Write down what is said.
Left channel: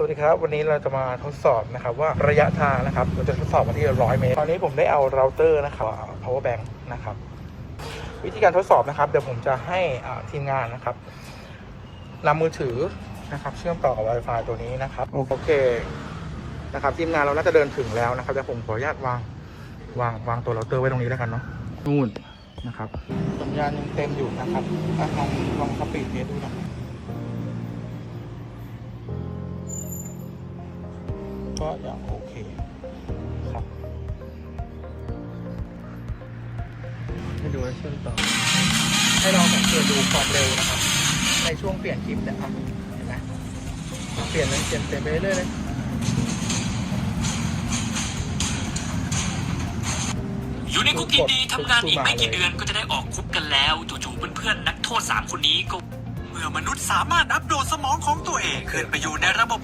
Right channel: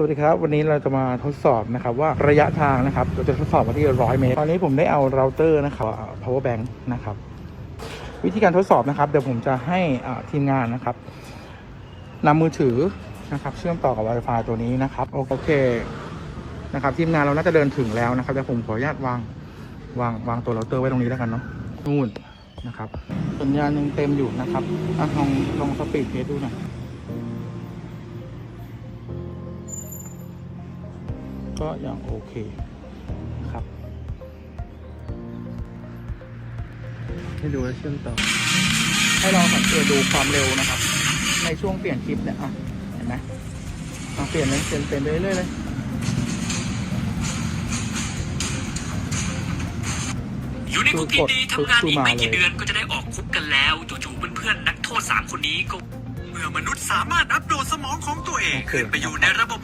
สวัสดีครับ วันนี้เราจะมาทดสอบนะครับว่าระยะทางนะครับ เราจะทดสอบมาที่ร้อยเมตรตอนนี้ผมได้เอาเราเตอร์นะครับ power bank นะครับ วิธีการทดสอบนะครับ เดี๋ยวผมจะให้อ่าทีมงานนะครับนำมือถือนะครับ เชื่อมต่อกับ Wi-Fi ตัวนี้นะครับ โอเคนะครับทีมงานเราน่าจะเดินถึงแล้วนะครับเดี๋ยวผมขออนุญาตวางวางวางตัวเราเตอร์ไว้ตรงนี้แล้วกันเนาะนู่นนะครับสัญญาณยังเต็มอยู่นะครับอะลองลองสปีดเทสดูหน่อย ก็ยังโอเคครับให้ดูแอคชั่นต่อให้เราสังเกตดูความเร็วนะครับในช่วงเปลี่ยนคลิปเนะครับเห็นไหมเราเปลี่ยนเลยเปลี่ยนเปลี่ยนไปเรื่อยๆเลยอยู่ในคุกดีๆทำงานอีกไม่กี่เดือนก็จะได้ออกคุกกันแล้วจู่ๆเพื่อนๆนักโทษสามคนนี้ก็เมื่อมนุษย์สามารถอัปโหลดสมองของตัวเองขึ้นไปอยู่ในระบบ